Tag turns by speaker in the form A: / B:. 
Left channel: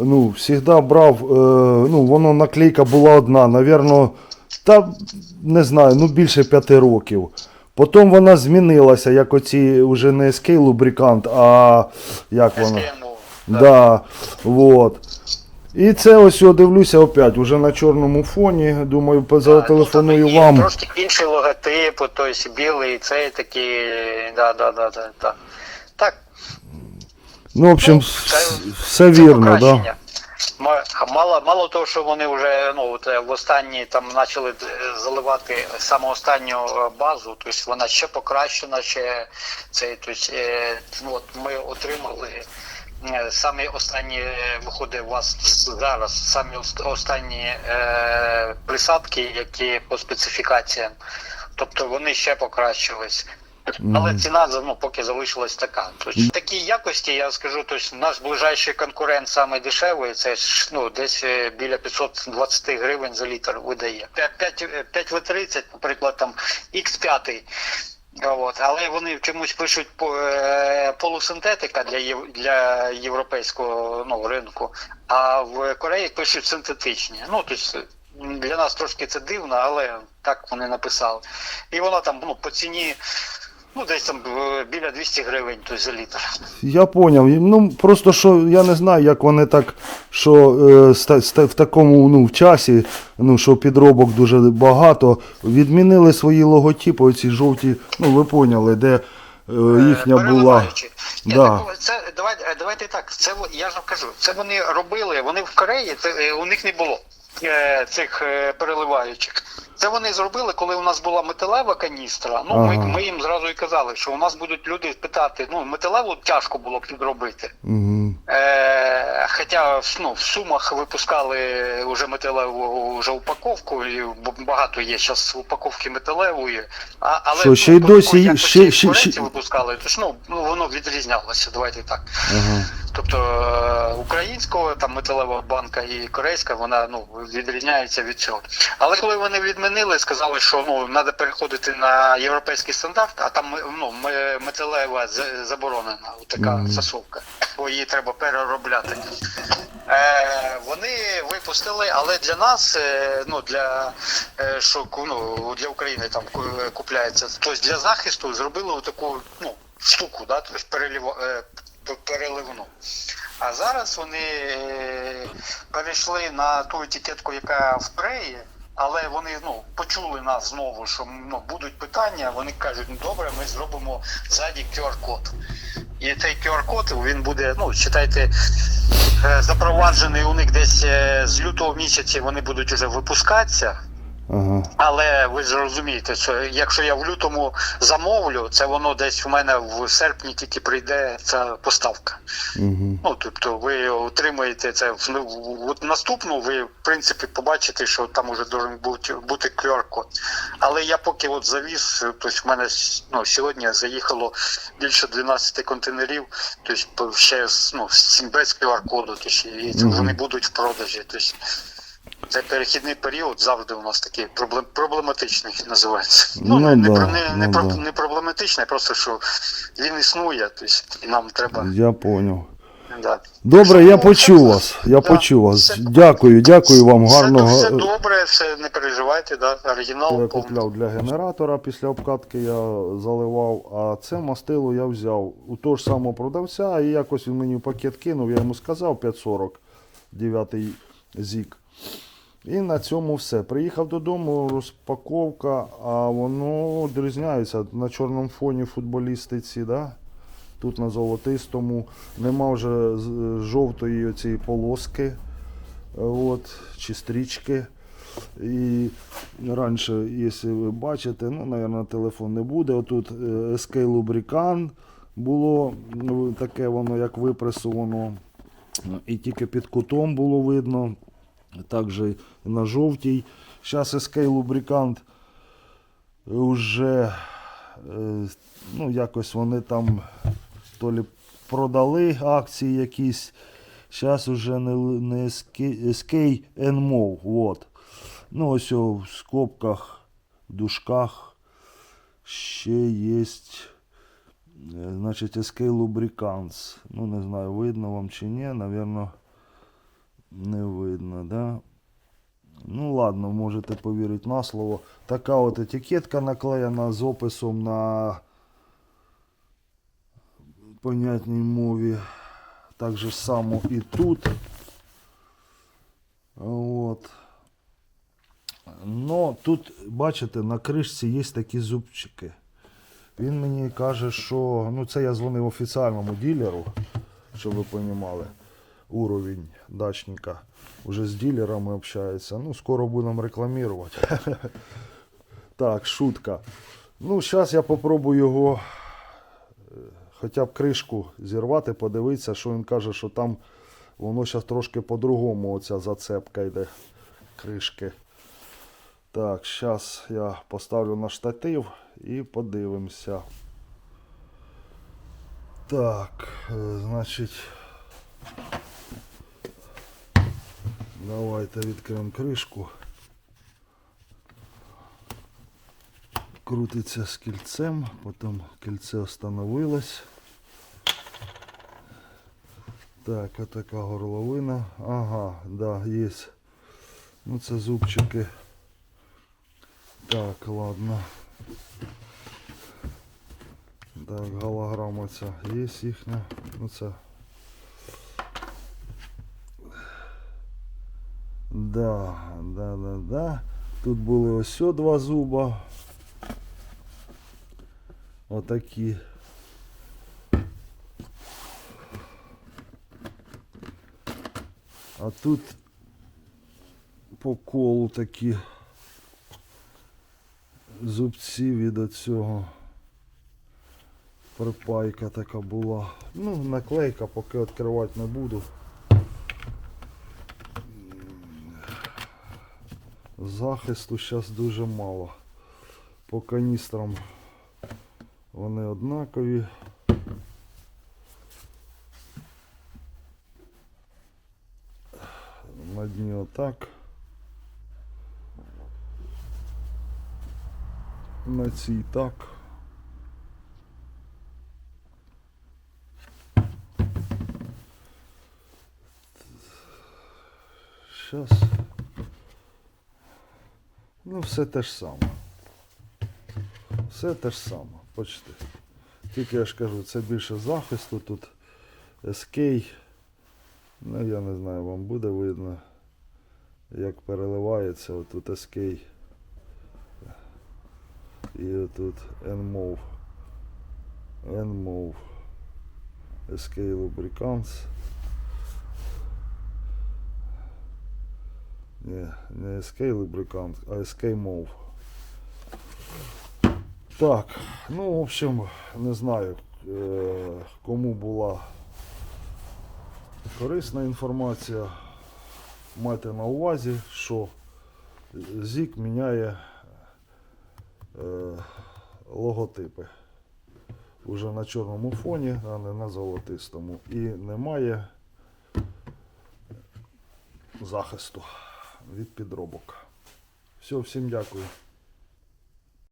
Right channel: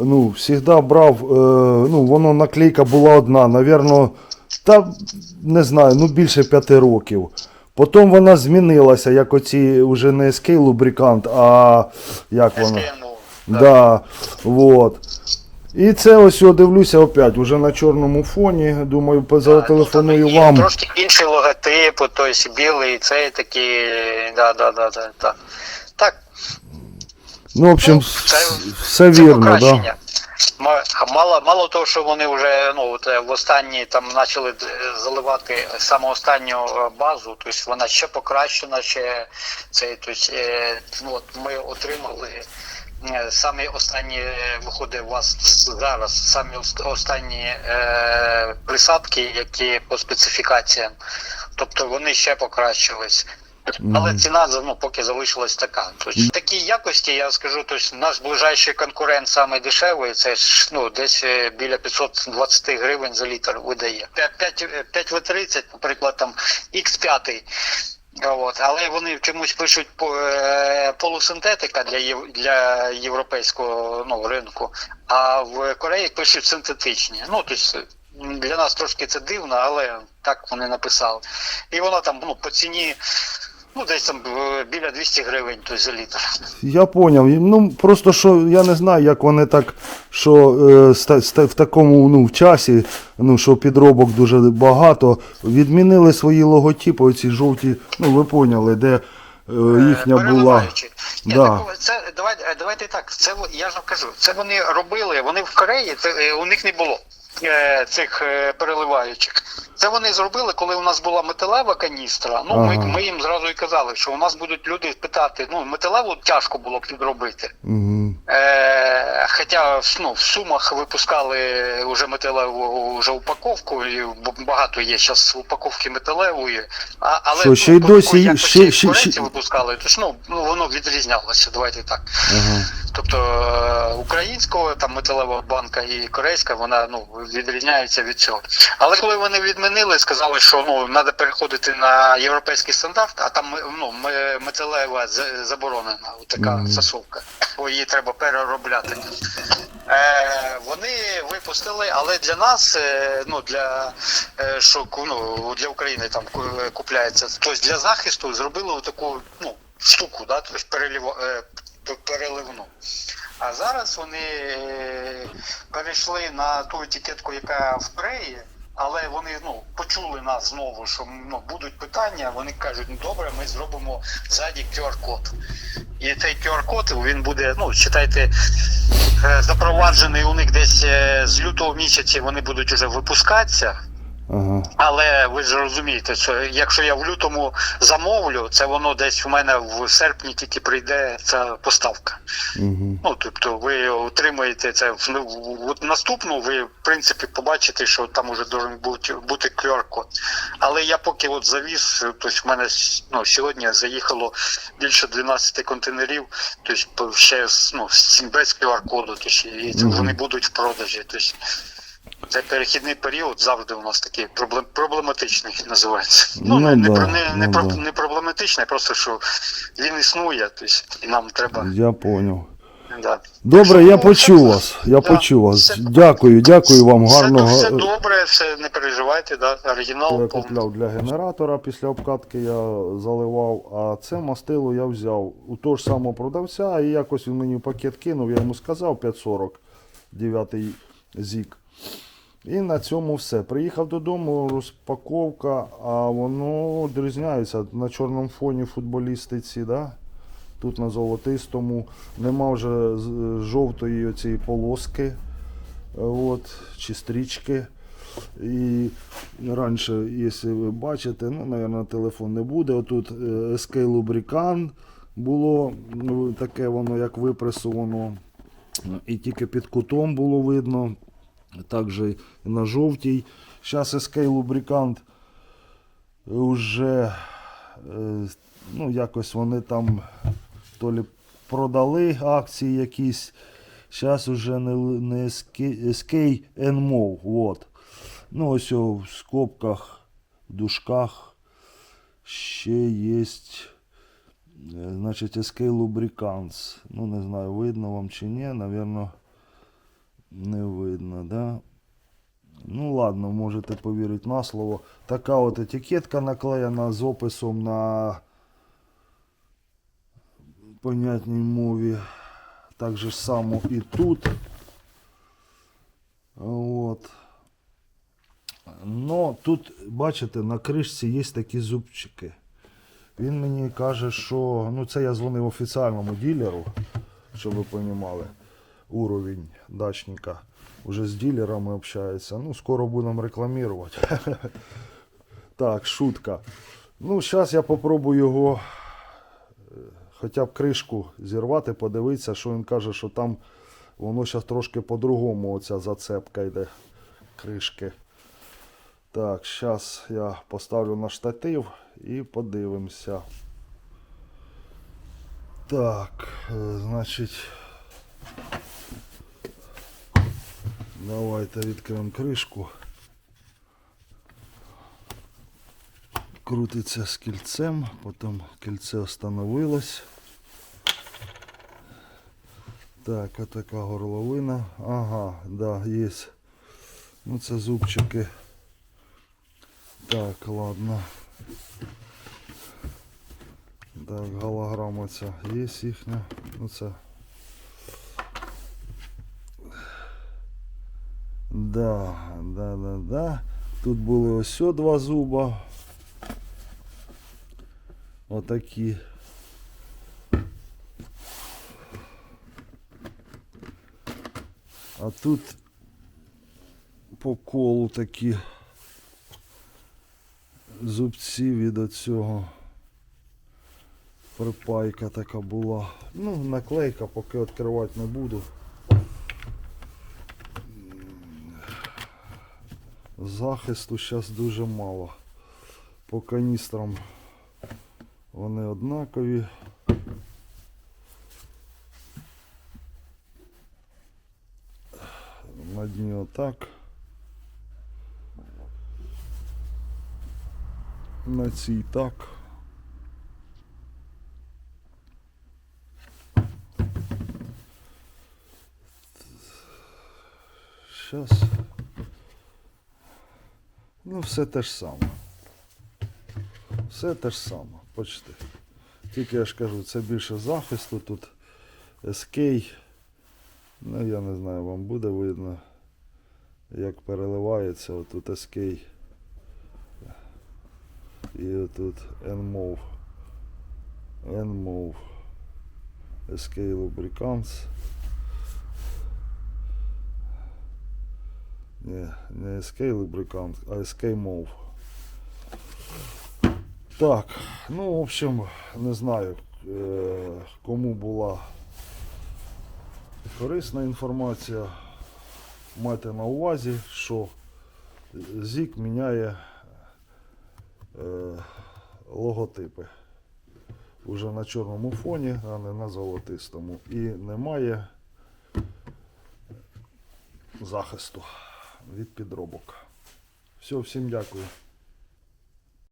A: ну, завжди брав, е, ну, воно наклейка була одна, навірно, та не знаю, ну більше п'яти років. Потім вона змінилася, як оці вже не SK лубрикант, а як вона? Да, вот. І це ось я дивлюся опять, уже на чорному фоні. Думаю, зателефоную
B: ну, там є
A: вам.
B: Трошки інший логотип, тобто білий, цей такий, да, да, да, да, да.
A: Ну, в общем,
B: це-
A: все
B: це
A: вірно, да.
B: Мало, мало того, що вони вже ну, е, в останні там почали заливати саме останню е, базу, тобто вона ще покращена, ще цей, тобто, е, ну, от ми отримали е, самі останні е, виходить у вас зараз, самі останні е, присадки, які по специфікаціям. Тобто вони ще покращились. Але ціна ну, поки залишилась така. Тобто, в такій якості я скажу, тобто, наш ближайший конкурент саме дешевий, це ну, десь е, біля 520 гривень за літр видає. 5, в 30 наприклад, там X5. От, але вони чомусь пишуть е, полусинтетика для, єв- для європейського ну, ринку, а в Кореї пишуть синтетичні. Ну, тобто, для нас трошки це дивно, але так вони написали. І вона там ну, по ціні ну, десь там е, біля 200 гривень тобто, за літр.
A: Я поняв. Ну просто що я не знаю, як вони так, що е, ста- ста- в такому ну, в часі, ну що підробок дуже багато, відмінили свої логотипи, оці жовті, ну ви поняли, де е, їхня була.
B: Ні,
A: Да.
B: так, це, давайте, давайте так, це я ж вам кажу, це вони робили, вони в Кореї, це, е, у них не було е, цих е, переливаючих. Це вони зробили, коли у нас була металева каністра. Ну, ми,
A: Ага.
B: ми їм зразу і казали, що у нас будуть люди питати, ну, металеву тяжко було б підробити.
A: Угу.
B: Е, хоча ну, в сумах випускали вже металеву вже упаковку, і багато є зараз упаковки металевої. А, але
A: Що, ще й досі- ще- ще- ще-
B: випускали, тож ну, ну воно відрізнялося, давайте так.
A: Ага.
B: Тобто е, українського там металева банка і корейська вона ну відрізняється від цього. Але коли вони відмінили, сказали, що ну треба переходити на європейський стандарт, а там ну металева заборонена, така засовка, бо її треба переробляти. Е, вони випустили, але для нас, е, ну для е, що ну, для України там купляється, тобто для захисту зробили таку ну штуку, да, тобто перелів, е, переливну. А зараз вони е, перейшли на ту етикетку, яка в преї, але вони ну почули нас знову, що ну будуть питання. Вони кажуть, ну добре, ми зробимо ззаді QR-код. І цей QR-код він буде, ну читайте, е, запроваджений у них десь е, з лютого місяця вони будуть вже випускатися.
A: Ага.
B: Але ви ж розумієте, що якщо я в лютому замовлю, це воно десь у мене в серпні тільки прийде ця поставка.
A: Угу.
B: Ну тобто ви отримаєте це в ну, в- от наступну. Ви в принципі побачите, що там уже должен бути бути QR-код. Але я поки от завіз, тобто в мене ну, сьогодні заїхало більше 12 контейнерів, тобто ще ну, без QR-коду, тобто, і це вже не будуть в продажі. Тобто, це перехідний період завжди у нас такий проблем, проблематичний називається.
A: Ну
B: не, не,
A: да,
B: не, не,
A: ну
B: про-
A: да.
B: не проблематичний, просто що він існує, тобто, і нам треба.
A: Я поняв.
B: Да.
A: Добре, я
B: Ну,
A: почув вас. Я
B: да,
A: почув вас.
B: все-
A: Дякую, дякую вам
B: Все,
A: гарного.
B: все добре, все не переживайте, да,
A: Я
B: оригінал. повний.
A: купляв для генератора після обкатки, я заливав, а це мастило я взяв у того ж самого продавця, і якось він мені в пакет кинув, я йому сказав 540, 9 зік. І на цьому все. Приїхав додому, розпаковка, а воно відрізняється на чорному фоні футболісти ці, да? Тут на золотистому. Нема вже жовтої оцієї полоски, от, чи стрічки. І раніше, якщо ви бачите, ну, мабуть, телефон не буде. Отут е, SK Lubricant було таке воно, як випресовано. І тільки під кутом було видно. Також на жовтій. Зараз SK Lubricant вже е, ну, якось вони там то лі продали акції якісь. Зараз вже не, не SK, NMO. Вот. Ну, ось в скобках, в дужках ще є. Значить, SK Lubricants. Ну, не знаю, видно вам чи ні, напевно. Не видно, да? Ну ладно, можете повірити на слово. Така от етикетка наклеєна з описом на понятній мові. Так же само і тут. От. Но тут, бачите, на кришці є такі зубчики. Він мені каже, що. Ну, це я дзвонив офіціальному ділеру, щоб ви розуміли, уровень дачника. Уже з дилерами общається. Ну, скоро будемо рекламувати. Так, шутка. Ну, зараз я попробую його е, хоча б кришку зірвати, подивитися, що він каже, що там воно зараз трошки по-другому, оця зацепка йде кришки. Так, зараз я поставлю на штатив і подивимося. Так, е, значить. Давайте відкриємо кришку. Крутиться з кільцем, потім кільце встановилось. Так, така горловина. Ага, да, є. Ну це зубчики. Так, ладно. Так, голограма ця є їхня. Ну це. Да, да, да, да. Тут були ось два зуба. Отакі. А тут по колу такі зубці від оцього. Припайка така була. Ну, наклейка, поки відкривати не буду. Захисту зараз дуже мало. По каністрам вони однакові. На дні отак. На цій так. Сейчас. Ну, все те ж саме. Все те ж саме, почти. Тільки я ж кажу, це більше захисту тут. SK. Ну, я не знаю, вам буде видно, як переливається отут SK. І отут NMOV. NMOV. SK Lubricants. Ні, не SK Lubricant, а SK Move. Так, ну, в общем, не знаю, е, кому була корисна інформація. Майте на увазі, що ЗІК міняє е, логотипи. Уже на чорному фоні, а не на золотистому. І немає захисту від підробок. Все, всім дякую.